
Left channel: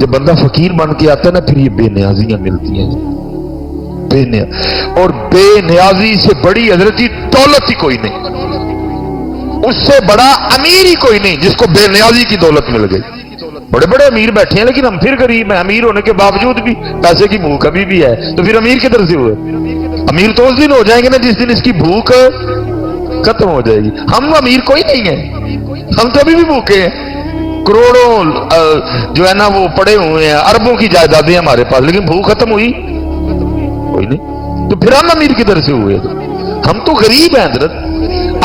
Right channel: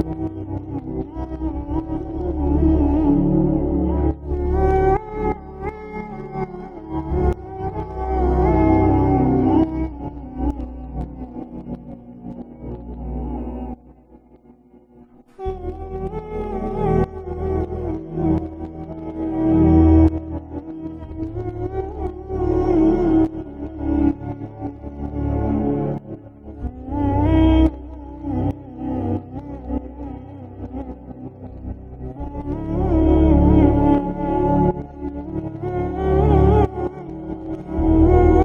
جب بندہ فقیر بن کے آتا ہے نا پھر یہ بے نیازیاں ملتی ہیں، اور بے نیازی سے بڑی حضرت جی دولت ہی کوئی نہیں، اس سے بڑا امیر ہی کوئی نہیں جس کو بے نیازی کی دولت مل گئی۔ بڑے بڑے امیر بیٹھے ہیں لیکن ہم پھر غریب ہیں، امیر ہونے کے باوجود بھی پیسے کی بھوک ابھی بھی ہے، تو پھر امیر کدھر سے ہوئے؟ امیر تو اس دن ہو جائیں گے نا جس دن اس کی بھوک ختم ہو جائے گی۔ ہم امیر کوئی نہیں ہیں، ہم تو ابھی بھی بھوکے ہیں، کروڑوں جو ہے نا وہ پڑے ہوئے ہیں، اربوں کی جائیدادیں ہمارے پاس، لیکن بھوک ختم ہوئی کوئی نہیں، تو پھر ہم امیر کدھر سے ہوئے؟ ہم تو غریب ہیں حضرت۔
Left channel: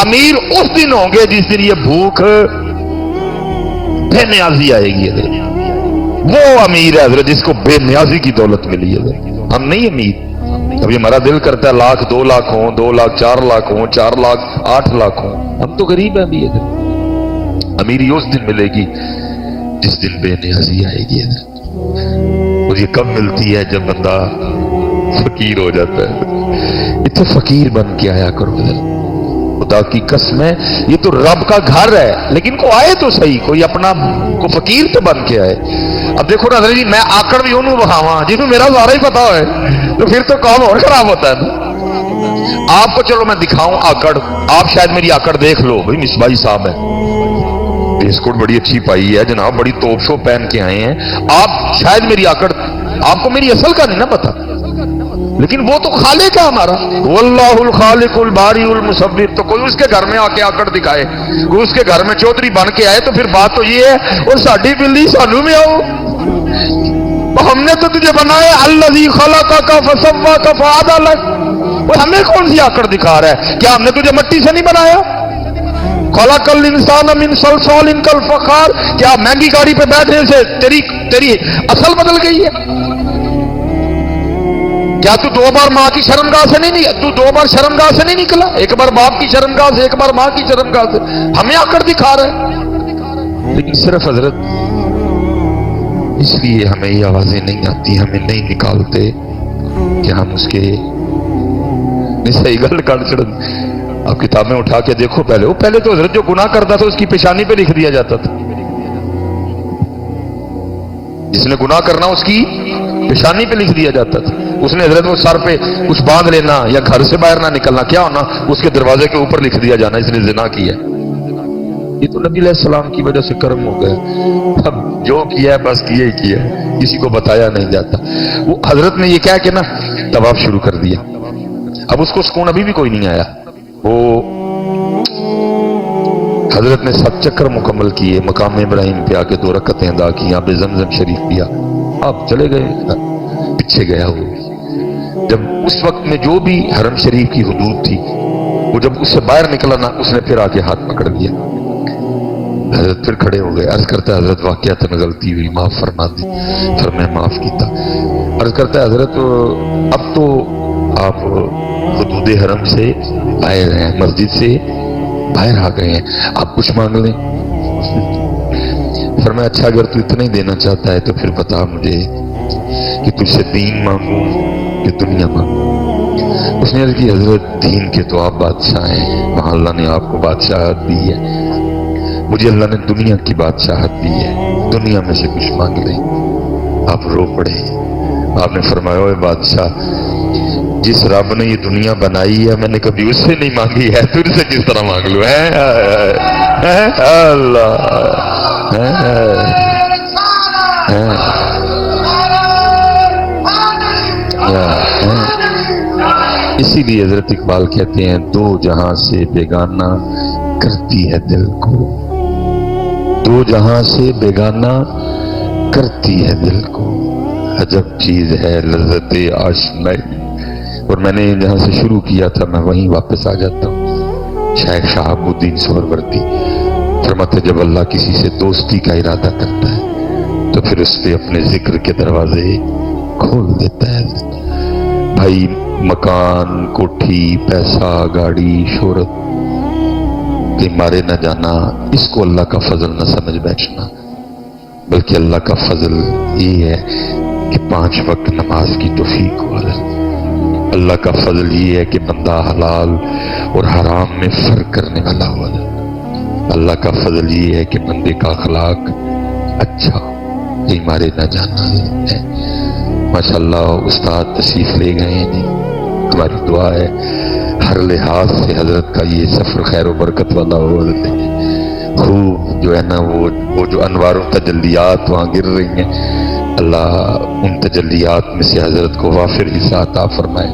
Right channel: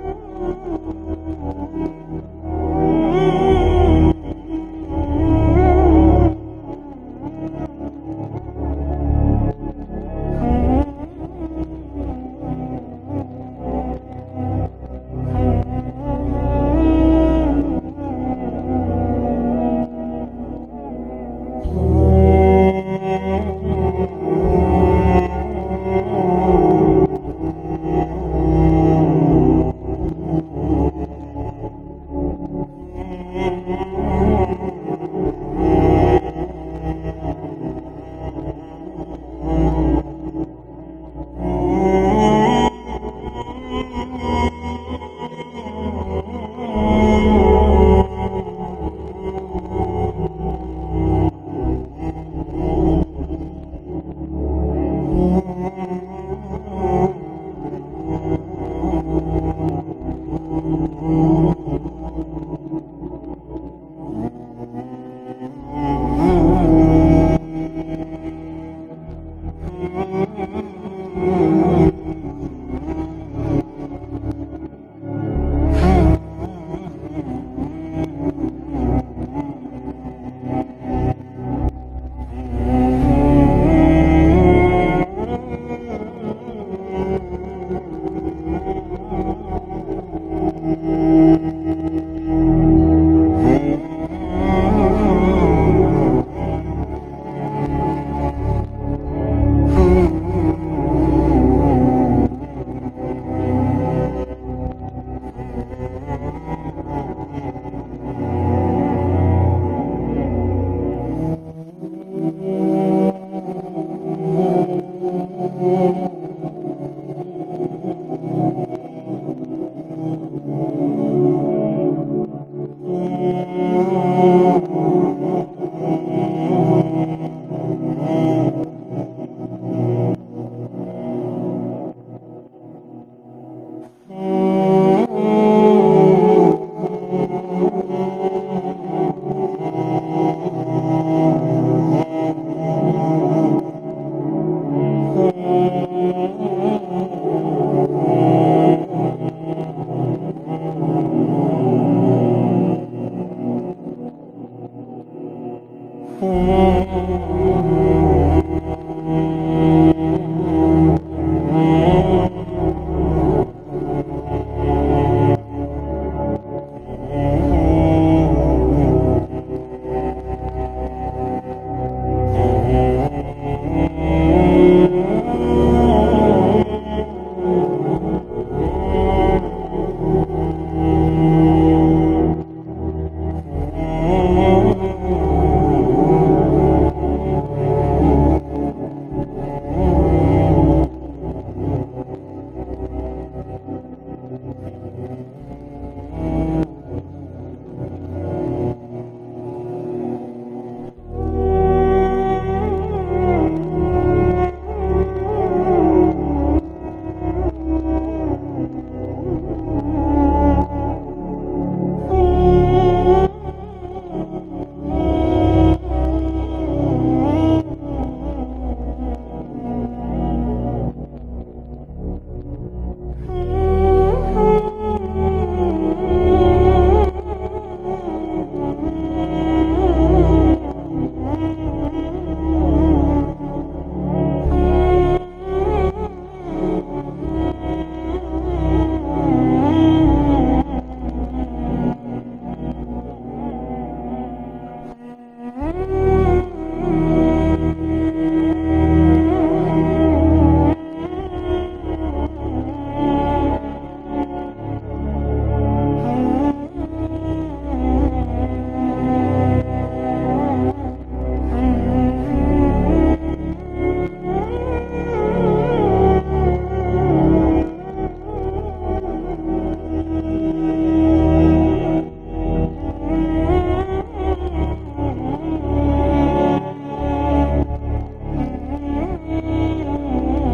امیر اس دن ہوں گے جس دن یہ بھوک بے نیازی آئے گی حضرت، وہ امیر ہے حضرت جس کو بے نیازی کی دولت ملی ہے حضرت۔ ہم نہیں امیر، ابھی ہمارا دل کرتا ہے 1,00,000 2,00,000 ہوں، 2,00,000 4,00,000 ہوں، 4,00,000 8,00,000 ہوں، ہم تو غریب ہیں ابھی حضرت۔ امیری اس دن ملے گی جس دن بے نیازی آئے گی حضرت، اور یہ کب ملتی ہے؟ جب بندہ فقیر ہو جاتا ہے۔ اتنے فقیر بن کے آیا کرو حضرت، خدا کی قسم ہے یہ تو رب کا گھر ہے، لیکن کو آئے تو صحیح، کوئی اپنا کو فقیر تو بن کے آئے۔ اب دیکھو نا حضرت جی، میں آکڑ بھی انہوں بہاواں جنہوں میرا سارا ہی پتا ہے، تو پھر تو کام اور خراب ہوتا ہے نا۔ آپ کو چلو میں دکھاؤں آکڑ، آپ شاید میری آکڑ دیکھ لو، بھائی مصباحی صاحب ہے، فیس کوٹ بڑی اچھی پائی ہے جناب، بڑی توپ شو پہن کے آئے ہیں، آپ شاید میری آکڑ، آپ کو میری اصل کا نہیں نا پتا، لیکن وہ تو خالق ہے ہمارا، واللہ الخالق الباری المصور، تو کوئی اس کے گھر میں آ کے آکڑ دکھائے، کوئی اس کے گھر میں چودھری بن کے آئے، تو پھر بات تو یہ ہے اور ساڈی بلی سانو میں آؤ، ہم نے تو تجھے بنایا الذی خلقک فسواک فعدلک، وہ ہمیں کون سی آکڑ دکھا رہا ہے؟ کیا ہم نے تجھے مٹی سے نہیں بنایا؟ خلق الانسان من صلصال کالفخار، کیا مہنگی گاڑی پہ بیٹھنے سے تیری اصل بدل گئی ہے؟ کیا تو 2 بار ماں کی شرمگاہ سے نہیں، تو 2 بار شرمگاہ سے نہیں نکلا؟ ایک بار باپ کی شرمگاہ سے، ایک بار ماں کی شرمگاہ سے، ہمیں آکڑ دکھا رہا ہے۔ لیکن صرف حضرت اس لیے ہمیں یہ آوازیں نہیں آتی، ہمیں نہیں نکالتے کہ ہم اس کے صحیح گل کر چڑھ۔ آپ کتابیں اٹھا کے دیکھو، پہلے تو حضرت جو گناہ کرتا تھا اس کی پیشانی پہ لکھ دیا جاتا تھا، جس نے گناہ کرنا اس کی پیشانی پہ لکھ دیا جاتا تھا، اس نے حضرت وہ سر پہ کچھ باندھ لینا یا گھر سے باہر نہ نکلنا، کیا ہونا؟ اس کے دروازے کے اوپر لکھ دیا جانا اس نے زنا کیا ہے۔ یہ تو نبی علیہ السلام کی وجہ سے کرم ہو گیا، اب جو کیا ہے بس کیا ہی کیا ہے، کسی کو بتایا نہیں جاتا۔ وہ حضرت نے یہ کہہ کے نا طواف شروع کر دیا، اب اس کو سکون ابھی بھی کوئی نہیں آیا۔ وہ حضرت نے 7 چکر مکمل کیے، مقام ابراہیم پہ آ کے 2 رکعتیں ادا کی، یہاں پہ زمزم شریف پیا، آپ چلے گئے پیچھے گیا وہ۔ جب اس وقت میں جو بھی حرم شریف کی حدود تھی، وہ جب اس سے باہر نکلا نا، اس نے پھر آ کے ہاتھ پکڑ دیا، حضرت پھر کھڑے ہو گئے، عرض کرتا ہے حضرت واقعاتاً غلطی ہوئی، معاف فرما دی، پھر میں معاف کیتا۔ عرض کرتا ہے حضرت اب تو آپ حدود حرم سے باہر ہیں، مسجد سے باہر آ گئے ہیں، آپ کچھ مانگ لیں۔ فرمایا اچھا اگر تو اتنا ہی دینا چاہتا ہے تو پھر بتا مجھے کہ تجھ سے دین مانگوں کہ دنیا مانگوں؟ اس نے عرض کی حضرت دین کے تو آپ بادشاہ ہیں، وہاں اللہ نے آپ کو بادشاہت دی ہے، مجھے اللہ نے دنیا کی بادشاہت دی ہے، دنیا میں سے کچھ مانگ لیں۔ آپ رو پڑے، آپ نے فرمایا اے بادشاہ، جس رب نے یہ دنیا بنائی ہے میں نے کبھی اس سے نہیں مانگی ہے، تجھ سے کس طرح مانگ لوں؟ اللہ اسی لیے حضرت اقبال کہتے ہیں 2 جہاں سے بیگانہ کرتی ہے دل کو، 2 جہاں سے بیگانہ کرتی ہے دل کو، عجب چیز ہے لذت آشنائی۔ اور میں نے جہاں سے شروع کیا تھا میں وہیں واپس آ جاتا ہوں۔ شیخ شہاب الدین سہروردی فرماتے جب اللہ کسی سے دوستی کا ارادہ کرتا ہے تو پھر اس سے اپنے ذکر کے دروازے کھول دیتا ہے۔ بھائی مکان، کوٹھی، پیسہ، گاڑی، شہرت کے مارے نہ جانا، اس کو اللہ کا فضل نہ سمجھ بیٹھنا، بلکہ اللہ کا فضل یہ ہے کہ 5 وقت نماز کی توفیق والا، اللہ کا فضل یہ ہے کہ بندہ حلال اور حرام میں فرق کرنے والا ہوا، اللہ کا فضل یہ ہے کہ بندے کا اخلاق اچھا، یہ ہمارے نہ جانا ہے۔ ماشاءاللہ استاد تشریف لے گئے ہیں جی، ہماری دعا ہے ہر لحاظ سے حضرت کا یہ سفر خیر و برکت والا ہو۔ خوب جو ہے نا وہ جو انوار و تجلیات وہاں گر رہی ہیں، اللہ ان تجلیات میں سے حضرت کو وافر حصہ عطا فرمائے۔